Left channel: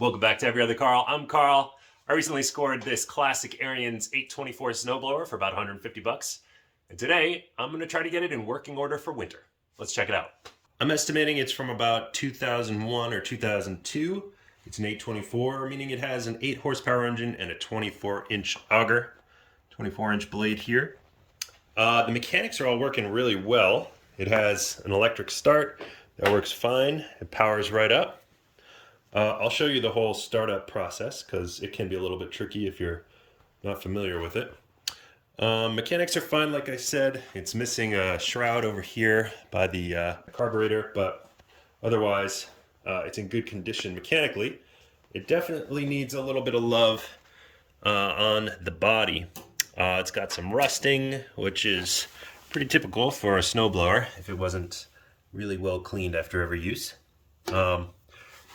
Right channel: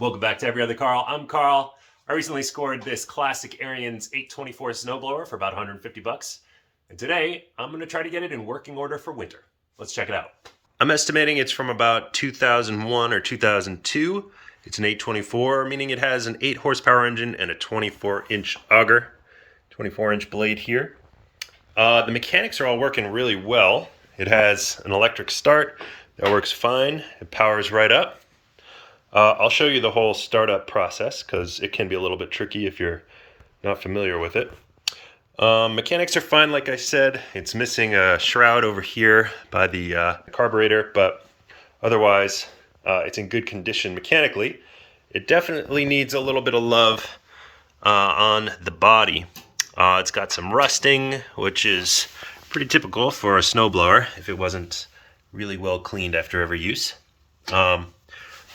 Welcome back to Every Other Carl. I'm Carl. I recently scored this classic Ariens 824 snowblower for about 150 bucks. And today I'm going to try to get it in working order for winter. Let's check it out. I'm estimating it's from about 2001 or 2002. It's an 824, meaning it has an 8 horsepower engine and a 24-inch auger, 24-inch blade here. The mechanics are all working really well. It has an electric start that works fine. It powers right up. I'll show you the whole startup process because it can be a little bit tricky if you're not familiar with it. Mechanics are fine, like I said. It's missing a shroud over here by the carburetor, but otherwise it's in good condition mechanically. It definitely needs a little bit of love on the body. It's got some rusting, which is pretty typical for a snowblower if it wasn't really well cleaned after every use.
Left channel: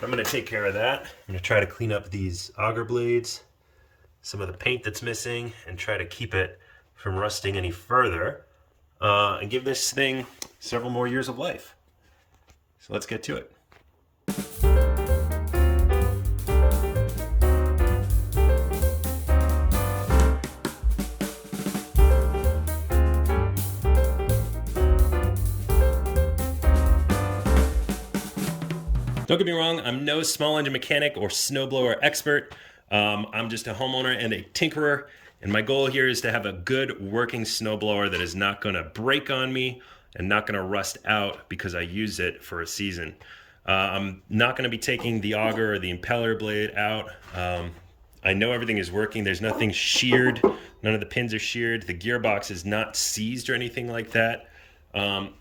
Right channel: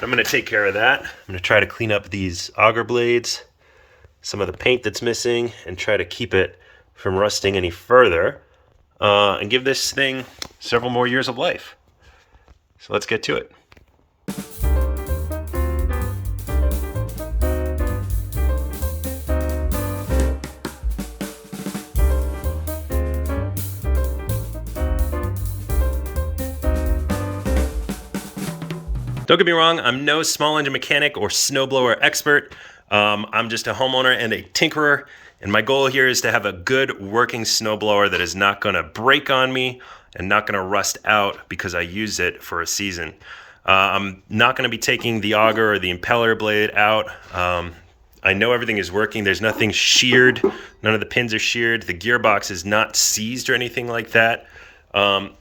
I'm going to take care of that. I'm going to try to clean up these auger blades, some of the paint that's missing, and try to keep it from rusting any further, and give this thing several more years of life. So let's get to it. Don't get me wrong, I'm no small engine mechanic or snowblower expert. I'm just a homeowner and a tinkerer, and my goal here is to have a good working snowblower that is not going to break on me and not going to rust out because I use it for a season. I'm not going to be taking the auger or the impeller blade out. I know everything is working. There's nothing sheared. None of the pins are sheared. The gearbox is not seized or anything like that.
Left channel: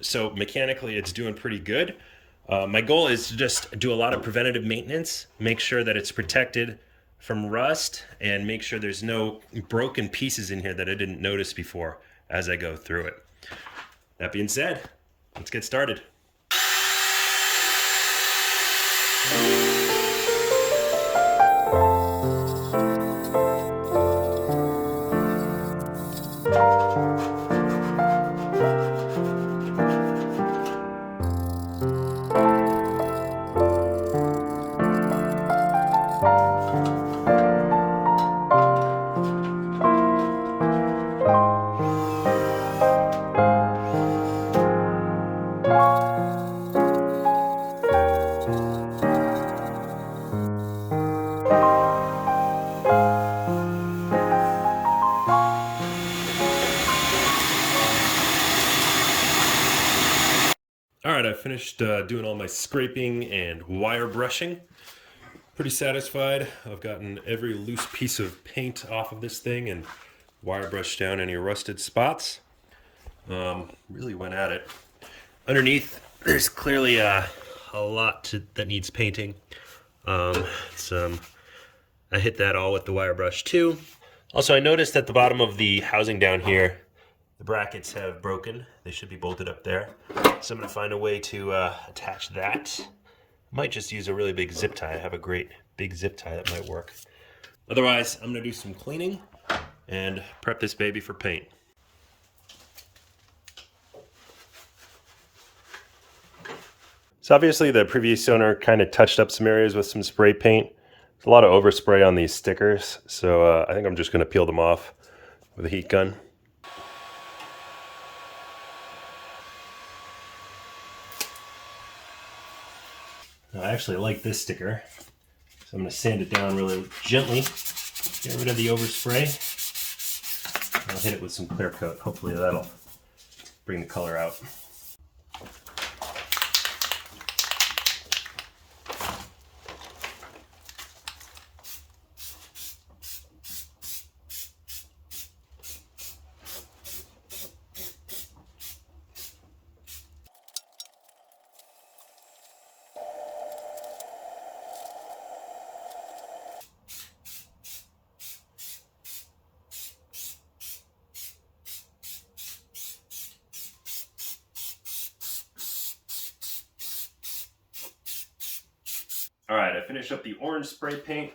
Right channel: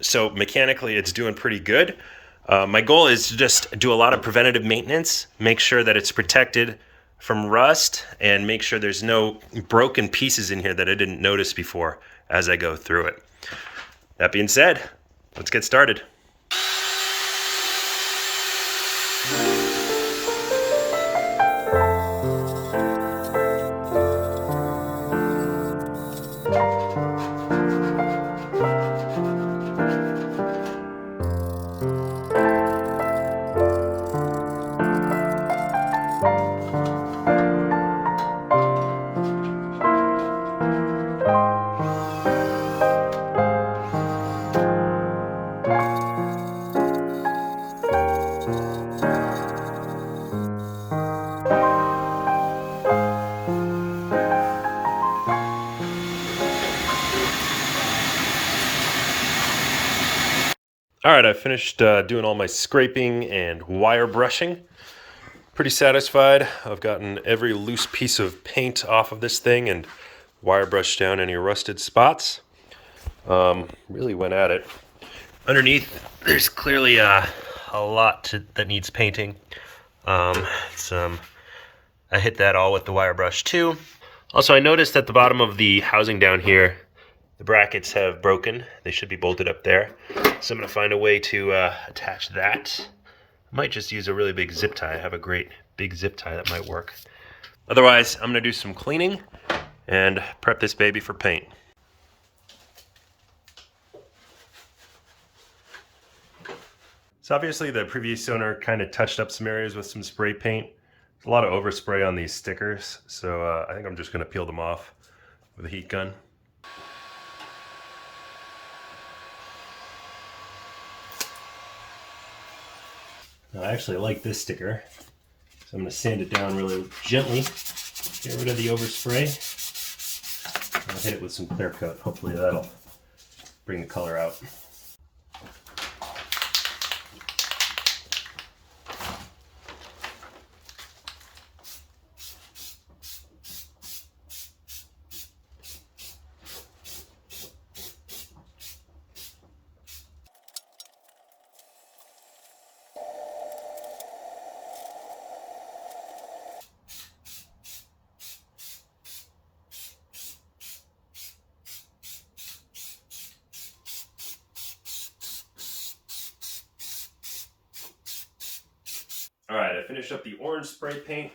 So mechanically, it's doing pretty good. My goal is to just do a lot of preventative maintenance, make sure that it's protected from rust, and make sure there's no broken pieces in here that I didn't notice before as I go through it. That being said, let's get started. All right, I finished doing all my scraping and wire brushing. Pretty satisfied. I've gotten every loose piece of paint off of this thing and wire brushed down any rusted spots. Really went at it. Underneath, there's clearly a lot that needs painting. I hit that all with the wire brush too. Also, I noticed at the bottom of the housing down here, the brackets have broken. They should be bolted up there. So I'm going to find a way to attach that. I might just use a really big zip tie. I have a great big zip tie that might work. Otherwise, I'm going to do some cleaning and prep this baby for paint. So obviously the previous owner kind of touched up some areas with some spray paint. There's a lot of overspray on these stickers, so I think I'm just going to peel them off with a heat gun. I actually like this sticker, so I'm going to sand it down really gently, get rid of the overspray. I'll hit it with some clear coat. Hopefully that'll bring the color out. All right, I finished up the orange spray paint.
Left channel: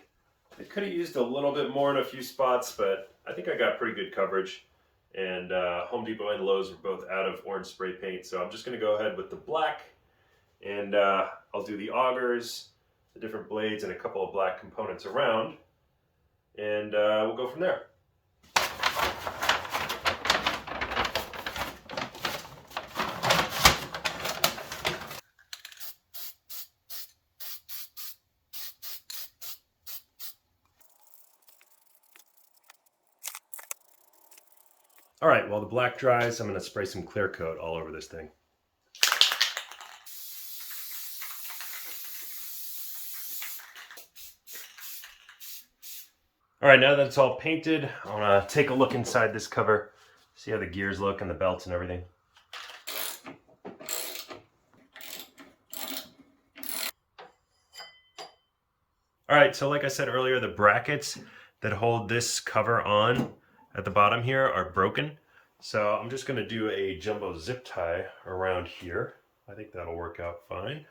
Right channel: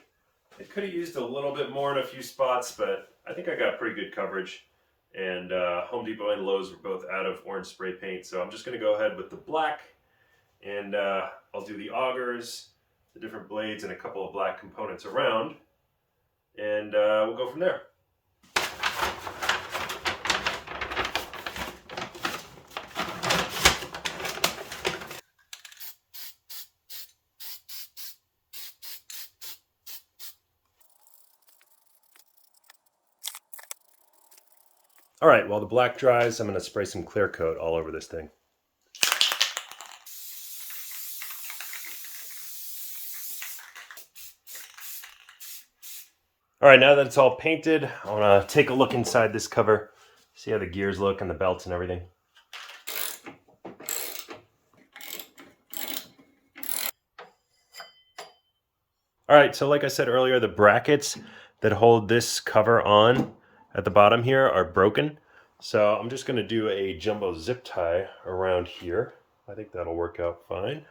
I could have used a little bit more in a few spots, but I think I got pretty good coverage. And Home Depot and Lowe's were both out of orange spray paint, so I'm just going to go ahead with the black, and I'll do the augers, the different blades and a couple of black components around, and we'll go from there. All right, while the black dries, I'm going to spray some clear coat all over this thing. All right, now that it's all painted, I want to take a look inside this cover, see how the gears look and the belts and everything. All right, so like I said earlier, the brackets that hold this cover on at the bottom here are broken. So I'm just going to do a jumbo zip tie around here. I think that'll work out fine.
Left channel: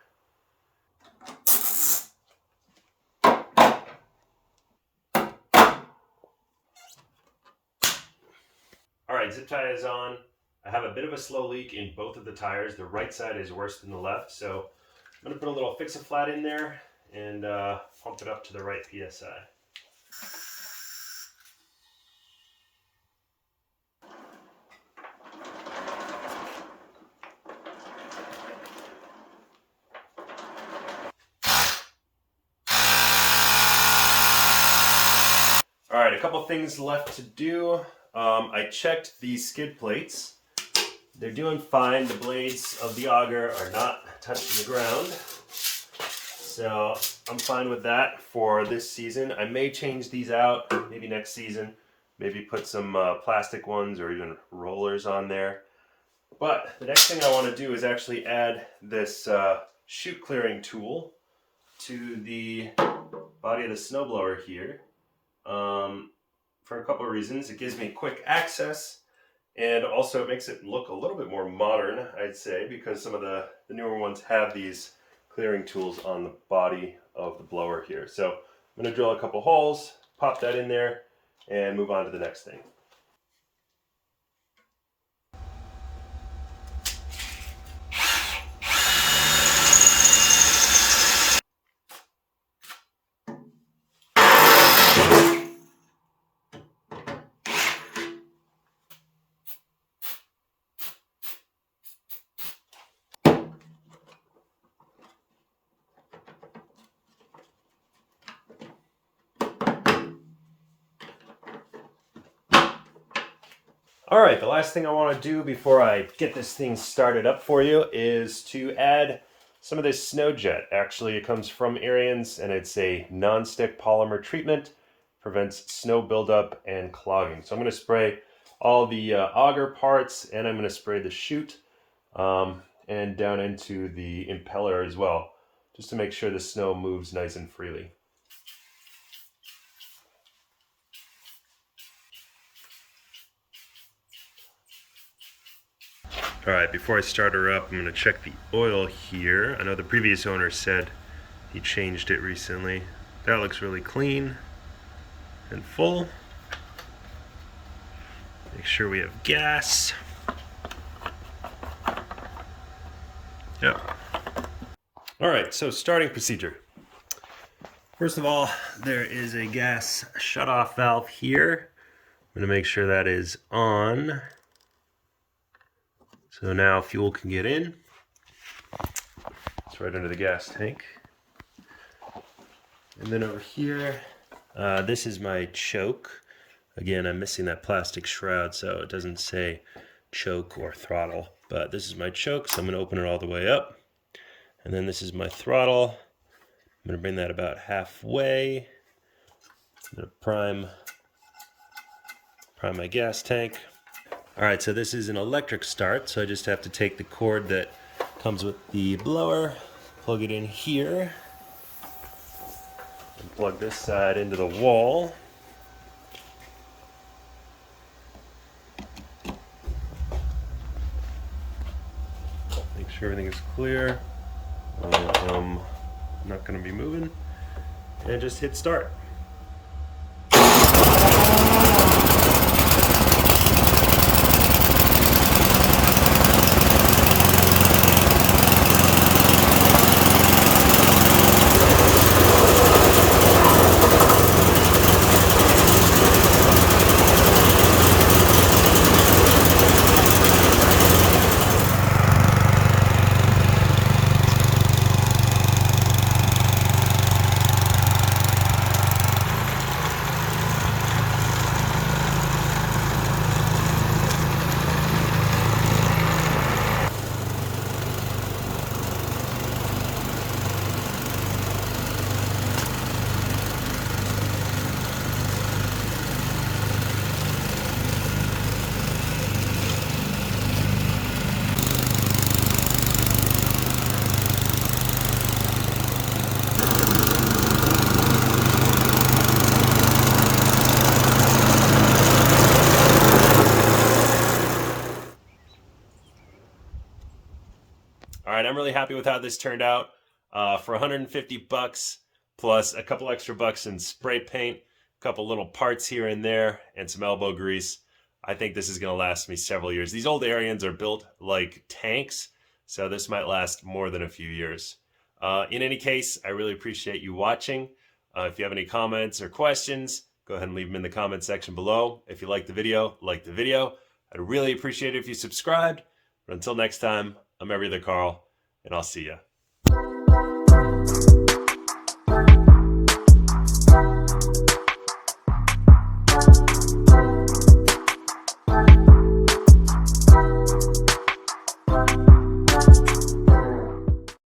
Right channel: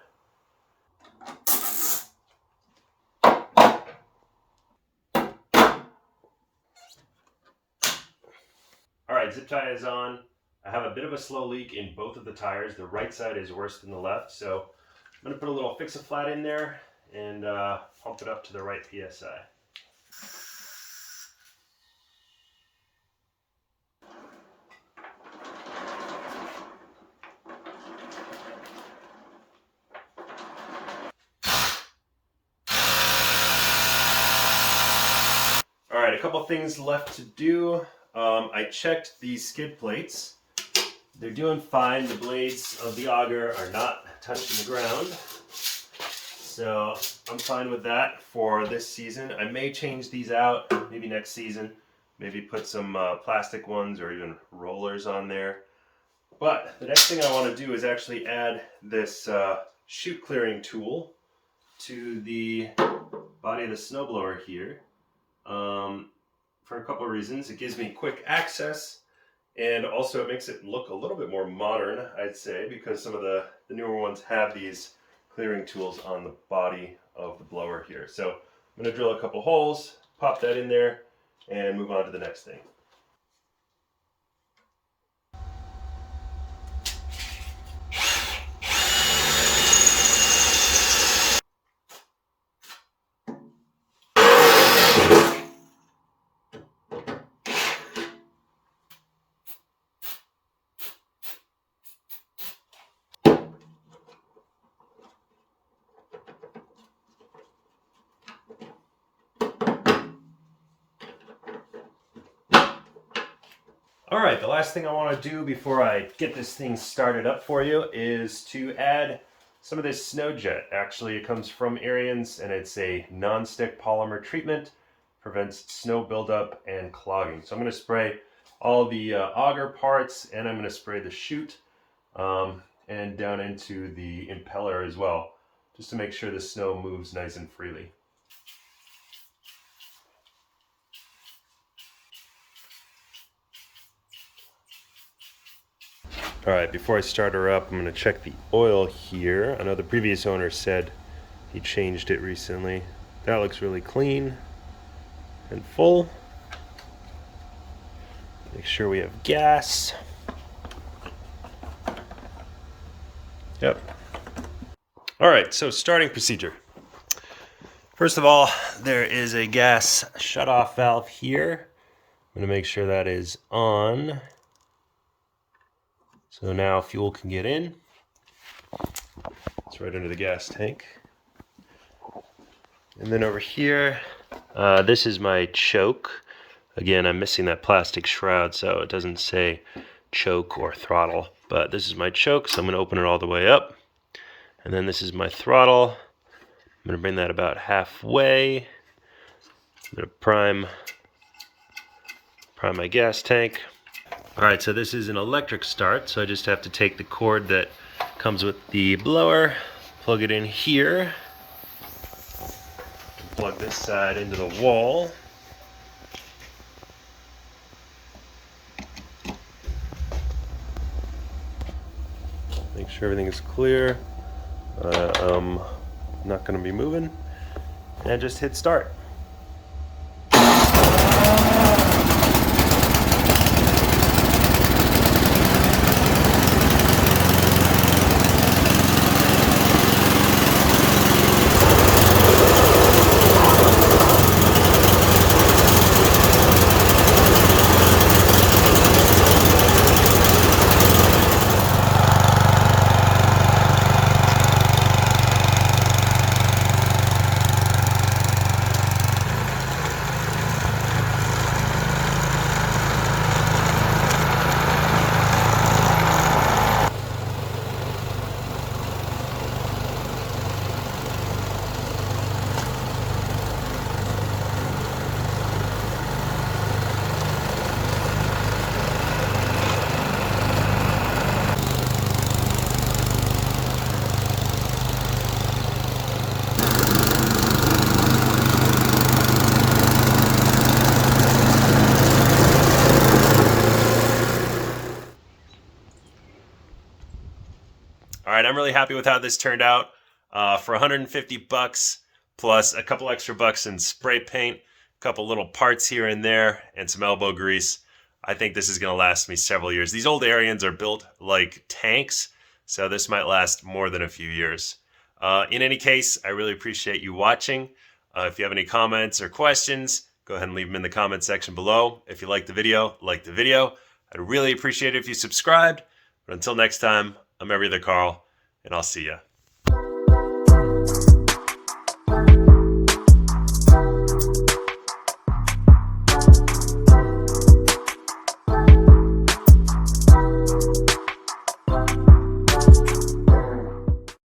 All right, zip tie is on. I have a bit of a slow leak in both of the tires. The right side is worse than the left, so I'm going to put a little fix-a-flat in there and pump it up to the right PSI. All right, a couple things left to do. I checked these skid plates. They're doing fine. The blades of the auger are not touching the ground. So I'm fine with that for this season. I may change these out maybe next season. Maybe put some plastic ones or even rollers on there. But the next thing I want to do is actually add this chute clearing tool to the body of the snowblower here. For a couple of reasons. It gives me quick access, and also it makes it look a little bit more modern, I'd say, because some of the newer ones have these clearing tools on the body of the blower here. So I'm going to drill a couple holes, pop that in there, and move on to the next thing. All right, the last thing I want to do before I get this thing started up for you is to add some of this snow jet. Actually, it comes from Ariens, and it's a non-stick polymer treatment, prevents snow buildup and clogging. So I'm going to spray all the auger parts, and I'm going to spray the chute and down into the impeller as well, just to make sure the snow moves nice and freely. All right, before I start her up, I'm going to check the oil here. I know the previous owner said he changed it recently. That looks really clean and full. Make sure we have gas. Yep. All right, so starting procedure. First of all, there is a gas shutoff valve here. I'm going to make sure that is on. So now fuel can get in. It's right under the gas tank. And then over here, this is my choke. Again, I'm missing that plastic shroud, so it doesn't say choke or throttle. But this is my choke, so I'm going to open it all the way up. And then this is my throttle. I'm going to bring that about halfway. I'm going to prime my gas tank. All right, so this is an electric start, so I just have to take the cord that comes with the blower, plug it in here, and plug this side into the wall. Make sure everything is clear. I'm not going to be moving, and just hit start. right, I'm really happy with how this turned out. For 150 bucks plus a couple extra bucks in spray paint, a couple little parts here and there, and some elbow grease, I think this is going to last me several years. These old Ariens are built like tanks, so this might last more than a few years. In any case, I really appreciate you watching. If you have any comments or questions, go ahead and leave them in the comment section below. If you like the video, like the video. I'd really appreciate it if you subscribed. But until next time, I'm Every Other Carl, and I'll see ya.